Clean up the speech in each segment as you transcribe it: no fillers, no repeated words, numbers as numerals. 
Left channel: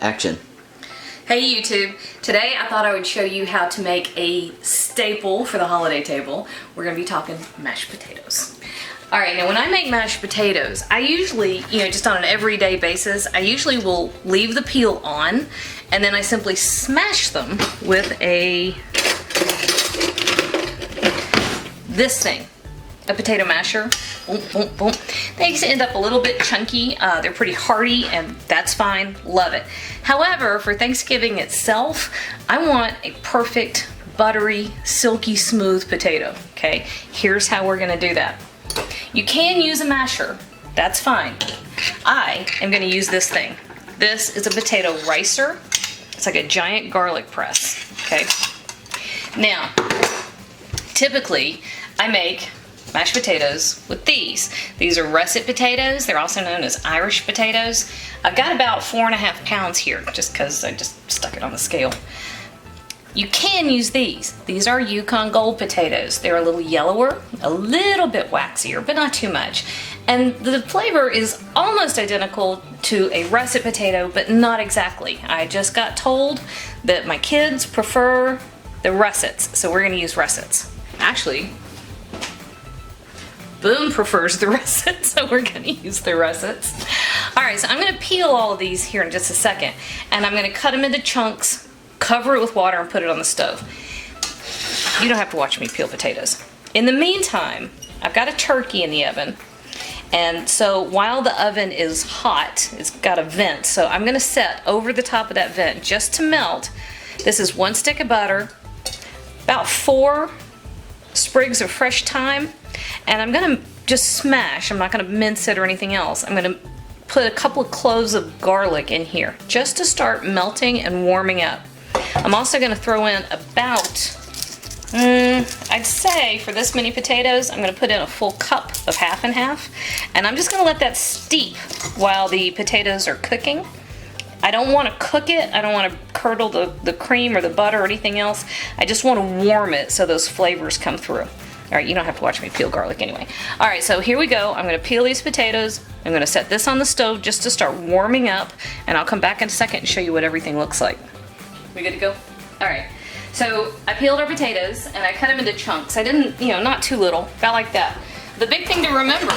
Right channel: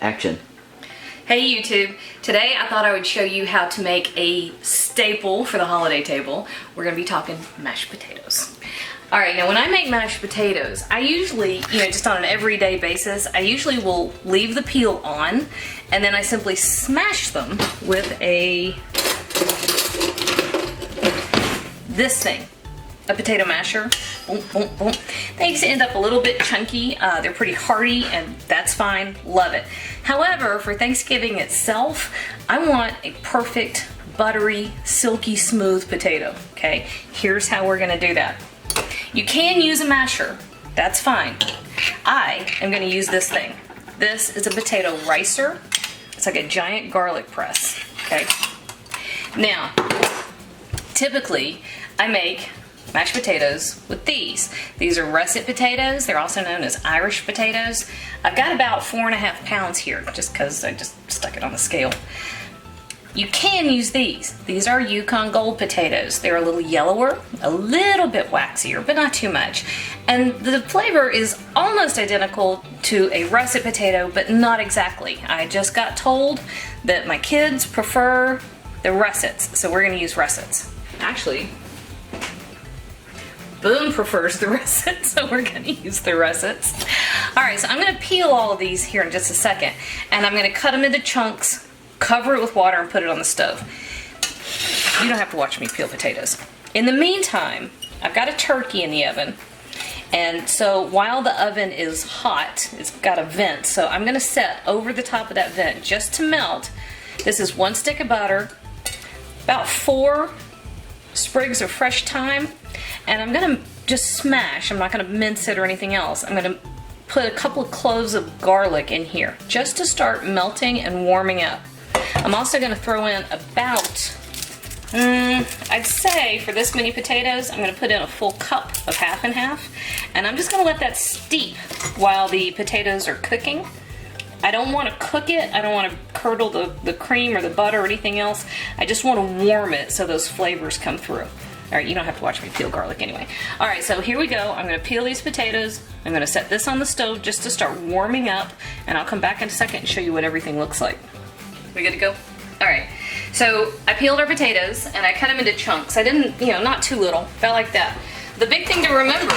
Action. Hey YouTube, today I thought I would show you how to make a staple for the holiday table. We're gonna be talking mashed potatoes. All right, now when I make mashed potatoes, I usually, just on an everyday basis, I usually will leave the peel on and then I simply smash them with this thing, a potato masher. Boom, boom, boom. Things end up a little bit chunky. They're pretty hearty and that's fine, love it. However, for Thanksgiving itself, I want a perfect, buttery, silky smooth potato, okay? Here's how we're gonna do that. You can use a masher, that's fine. I am gonna use this thing. This is a potato ricer. It's like a giant garlic press, okay? Now, typically, I make mashed potatoes with these. These are russet potatoes. They're also known as Irish potatoes. I've got about 4.5 pounds here, just because I just stuck it on the scale. You can use these. These are Yukon Gold potatoes. They're a little yellower, a little bit waxier, but not too much. And the flavor is almost identical to a russet potato, but not exactly. I just got told that my kids prefer the russets, so we're gonna use russets. Actually, Boone prefers the russets, so we're gonna use the russets. All right, so I'm gonna peel all of these here in just a second, and I'm gonna cut them into chunks, cover it with water, and put it on the stove. You don't have to watch me peel potatoes. In the meantime, I've got a turkey in the oven, and so while the oven is hot, it's got a vent, so I'm gonna set over the top of that vent just to melt. This is 1 stick of butter, about 4 sprigs of fresh thyme, and I'm gonna just smash, I'm not gonna mince it or anything else. I'm gonna put a couple of cloves of garlic in here just to start melting and warming up. I'm also gonna throw in about, I'd say for this many potatoes, I'm gonna put in a full cup of half and half, and I'm just gonna let that steep while the potatoes are cooking. I don't want to cook it, I don't want to curdle the cream or the butter or anything else. I just want to warm it so those flavors come through. All right, you don't have to watch me peel garlic anyway. All right, so here we go. I'm gonna peel these potatoes. I'm gonna set this on the stove just to start warming up, and I'll come back in a second and show you what everything looks like. We good to go? All right, so I peeled our potatoes and I cut them into chunks. I didn't, not too little, about like that. The big thing to remember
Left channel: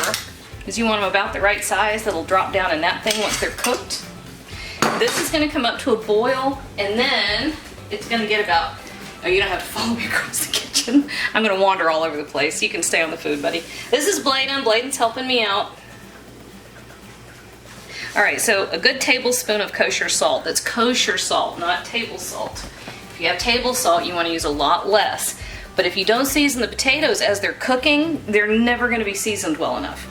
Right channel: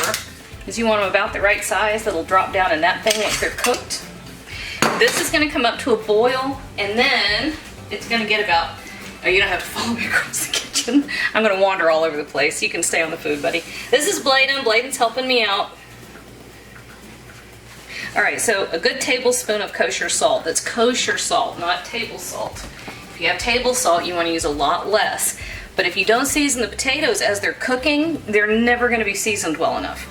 is you want them about the right size that'll drop down in that thing once they're cooked. This is gonna come up to a boil, and then it's gonna get about, oh, you don't have to follow me across the kitchen. I'm gonna wander all over the place. You can stay on the food, buddy. This is Bladen. Bladen's helping me out. All right, so a good tablespoon of kosher salt. That's kosher salt, not table salt. If you have table salt, you wanna use a lot less. But if you don't season the potatoes as they're cooking, they're never gonna be seasoned well enough.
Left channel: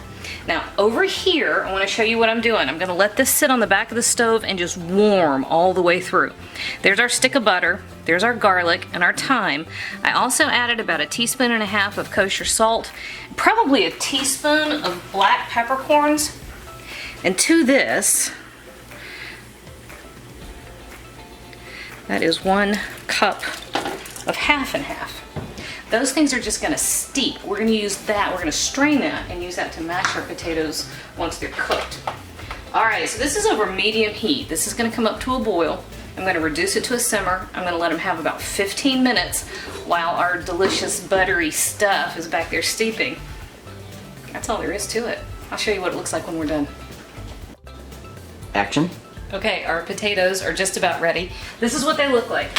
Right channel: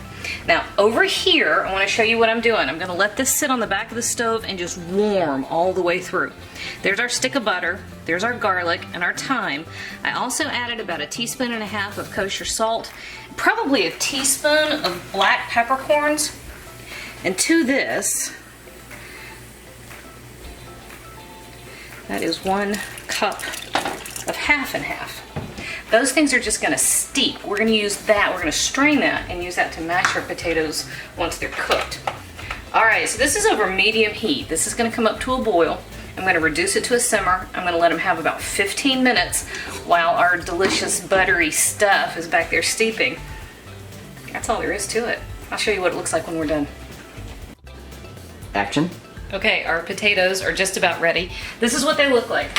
Now, over here, I want to show you what I'm doing. I'm going to let this sit on the back of the stove and just warm all the way through. There's our stick of butter, there's our garlic and our thyme. I also added about 1.5 teaspoons of kosher salt, probably 1 teaspoon of black peppercorns, and to this, that is 1 cup of half and half. Those things are just gonna steep. We're gonna use that, we're gonna strain that and use that to mash our potatoes once they're cooked. All right, so this is over medium heat. This is gonna come up to a boil. I'm gonna reduce it to a simmer. I'm gonna let them have about 15 minutes while our delicious buttery stuff is back there steeping. That's all there is to it. I'll show you what it looks like when we're done. Action. Okay, our potatoes are just about ready. This is what they look like.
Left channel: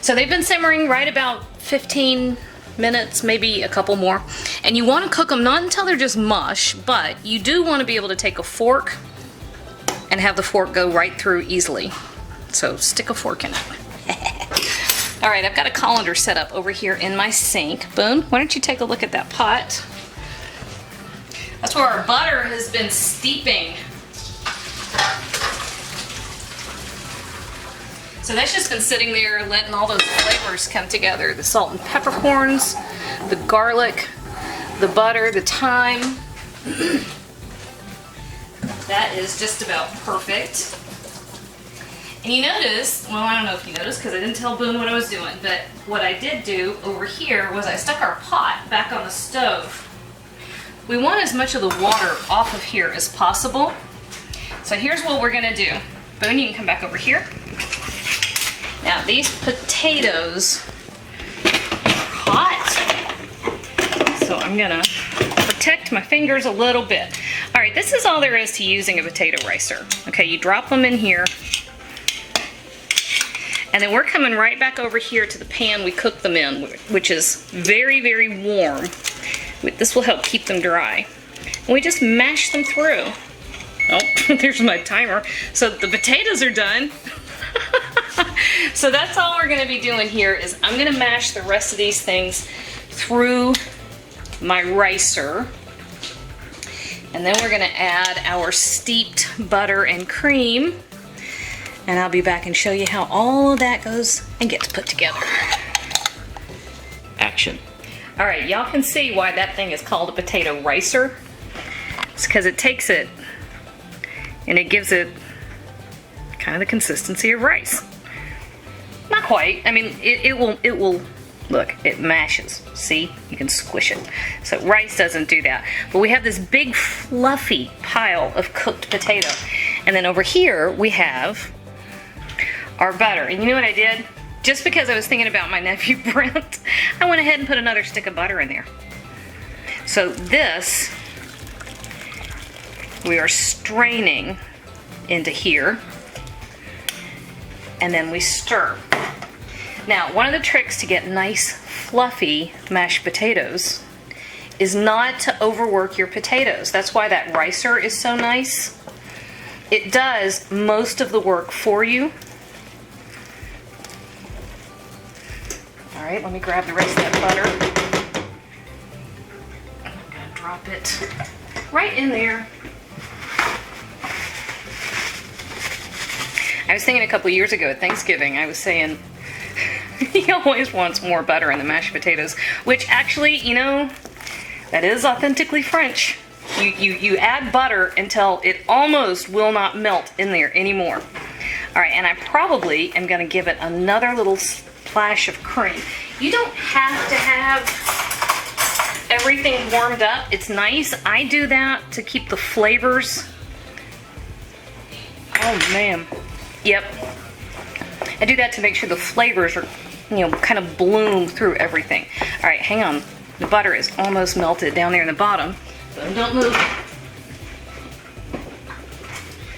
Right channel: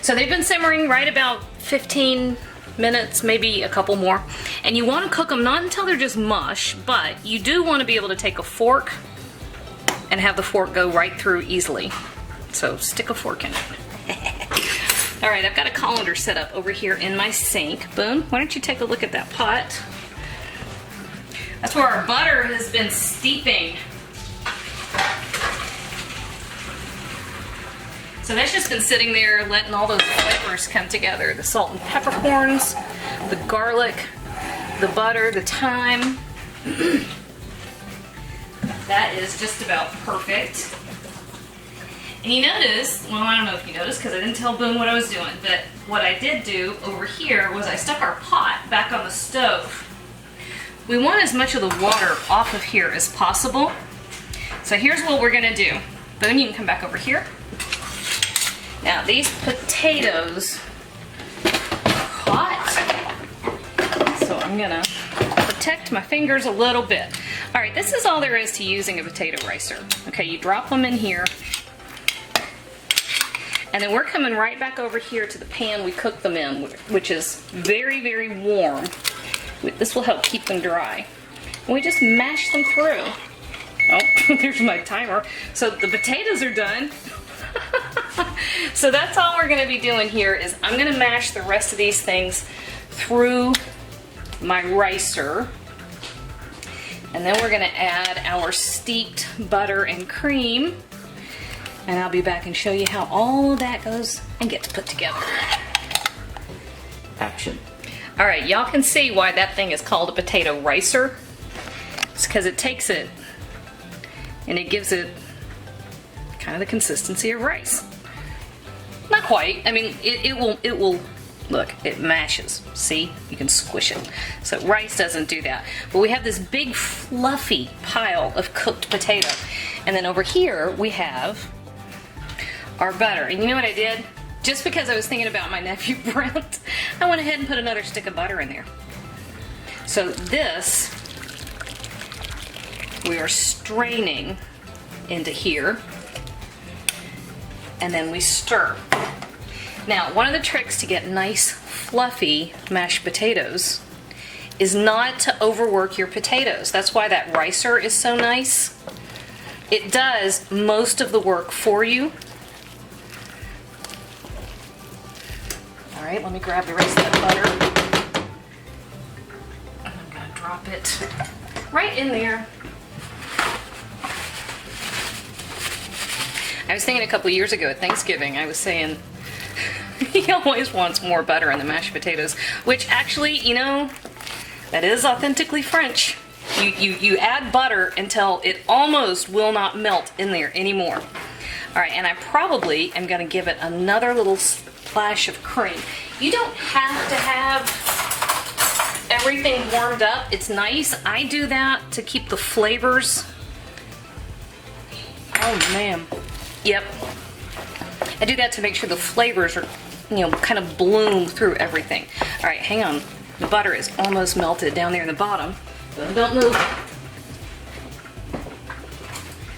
So they've been simmering right about 15 minutes, maybe a couple more. And you want to cook them not until they're just mush, but you do want to be able to take a fork and have the fork go right through easily. So stick a fork in it. All right, I've got a colander set up over here in my sink. Boone, why don't you take a look at that pot? That's where our butter has been steeping. So that's just been sitting there letting all those flavors come together. The salt and peppercorns, the garlic, the butter, the thyme. That is just about perfect. And you notice, well, I don't know if you noticed because I didn't tell Boone what I was doing, but what I did do over here was I stuck our pot back on the stove. We want as much of the water off of here as possible. So here's what we're gonna do. Boone, you can come back over here. Now these potatoes are hot, so I'm gonna protect my fingers a little bit. All right, this is all there is to using a potato ricer. Okay, you drop them in here, and then we're coming right back over here to the pan we cooked them in, which is very, very warm. This will help keep them dry. And we just mash them through. Oh, there's my timer. So the potatoes are done. So that's all we're gonna be doing here is I'm gonna mash the rest of these through my ricer. And then we're gonna add our steeped butter and cream. And I'll be back and show you how all of that goes and gets put together. Action. All right, y'all can see why that thing is called a potato ricer. It's because it takes it and it gives it kind of the consistency of rice. Not quite. I mean, it will, look, it mashes. See? You can squish it. So rice doesn't do that. But we have this big fluffy pile of cooked potato. And then over here we have our butter. And you know what I did? Just because I was thinking about my nephew Brent, I went ahead and put another stick of butter in there. So this, we are straining into here, and then we stir. Now, one of the tricks to get nice, fluffy mashed potatoes is not to overwork your potatoes. That's why that ricer is so nice. It does most of the work for you. All right, let me grab the rest of that butter. I'm gonna drop it right in there. I was thinking a couple years ago at Thanksgiving, I was saying he always wants more butter in the mashed potatoes, which actually, you know, that is authentically French. You add butter until it almost will not melt in there anymore. All right, and I probably am gonna give it another little splash of cream. You don't have to have everything warmed up. It's nice. I do that to keep the flavors. Oh man. Yep. I do that to make sure the flavors are, you know, kind of bloom through everything. All right, hang on. The butter is almost melted down there in the bottom. So don't move.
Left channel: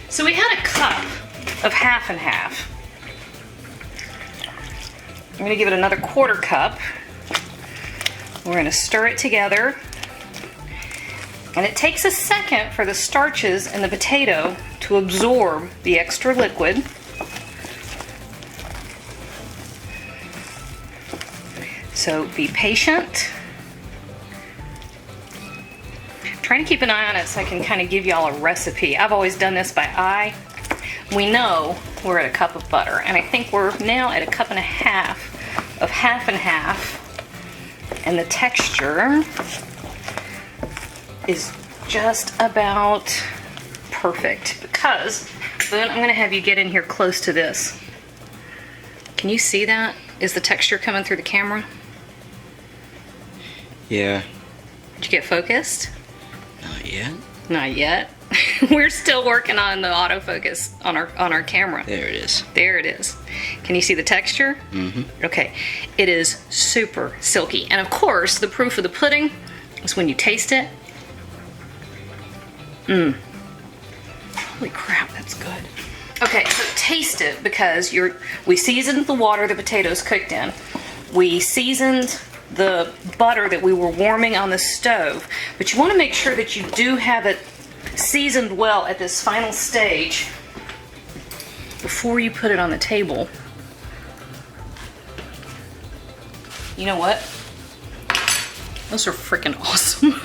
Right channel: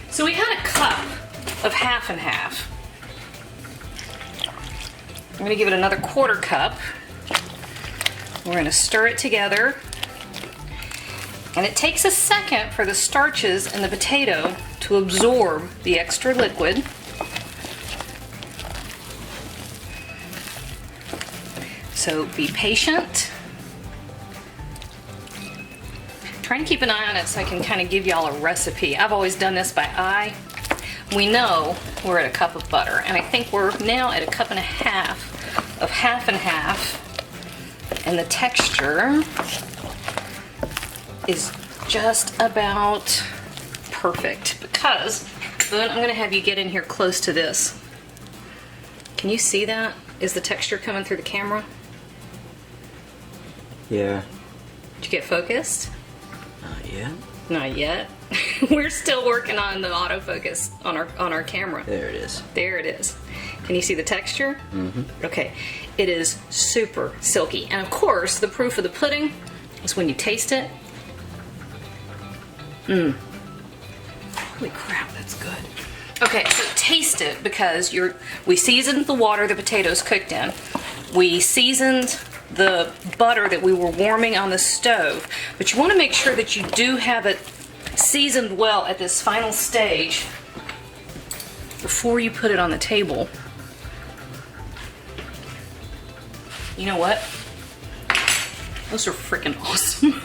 So we had a cup of half and half. I'm gonna give it another quarter cup. We're gonna stir it together. And it takes a second for the starches in the potato to absorb the extra liquid. So be patient. Trying to keep an eye on it so I can kind of give y'all a recipe. I've always done this by eye. We know we're at a cup of butter, and I think we're now at a cup and a half of half and half. And the texture is just about perfect because, Boone, I'm gonna have you get in here close to this. Can you see that? Is the texture coming through the camera? Yeah. Did you get focused? Not yet. Not yet. We're still working on the autofocus on our camera. There it is. There it is. Can you see the texture? Mm-hmm. Okay. It is super silky. And of course, the proof of the pudding is when you taste it. Mmm. Holy crap, that's good. Okay, so taste it because we seasoned the water the potatoes cooked in. We seasoned the butter that we were warming on the stove. But you want to make sure that you do have it seasoned well at this final stage before you put it on the table. You know what? Those are freaking awesome.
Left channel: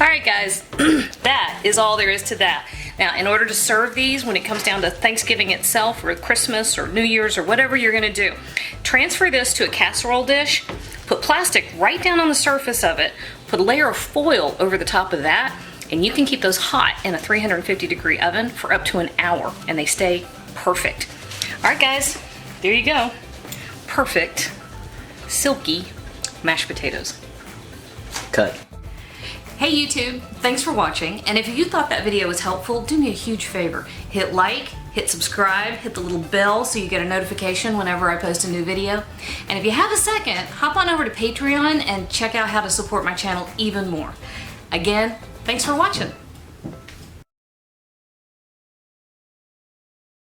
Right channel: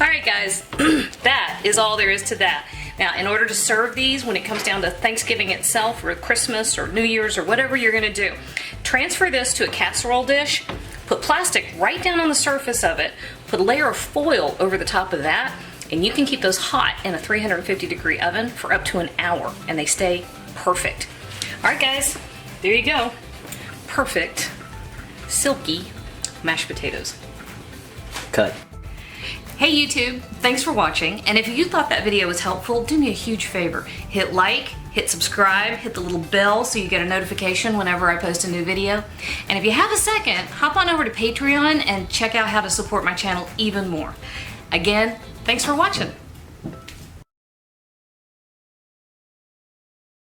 Alright guys, that is all there is to that. Now, in order to serve these, when it comes down to Thanksgiving itself, or Christmas, or New Year's, or whatever you're gonna do, transfer this to a casserole dish, put plastic right down on the surface of it, put a layer of foil over the top of that, and you can keep those hot in a 350-degree oven for up to an hour, and they stay perfect. Alright guys, there you go. Perfect, silky mashed potatoes. Cut. Hey YouTube, thanks for watching, and if you thought that video was helpful, do me a huge favor. Hit like, hit subscribe, hit the little bell so you get a notification whenever I post a new video. And if you have a second, hop on over to Patreon and check out how to support my channel even more. Again, thanks for watching.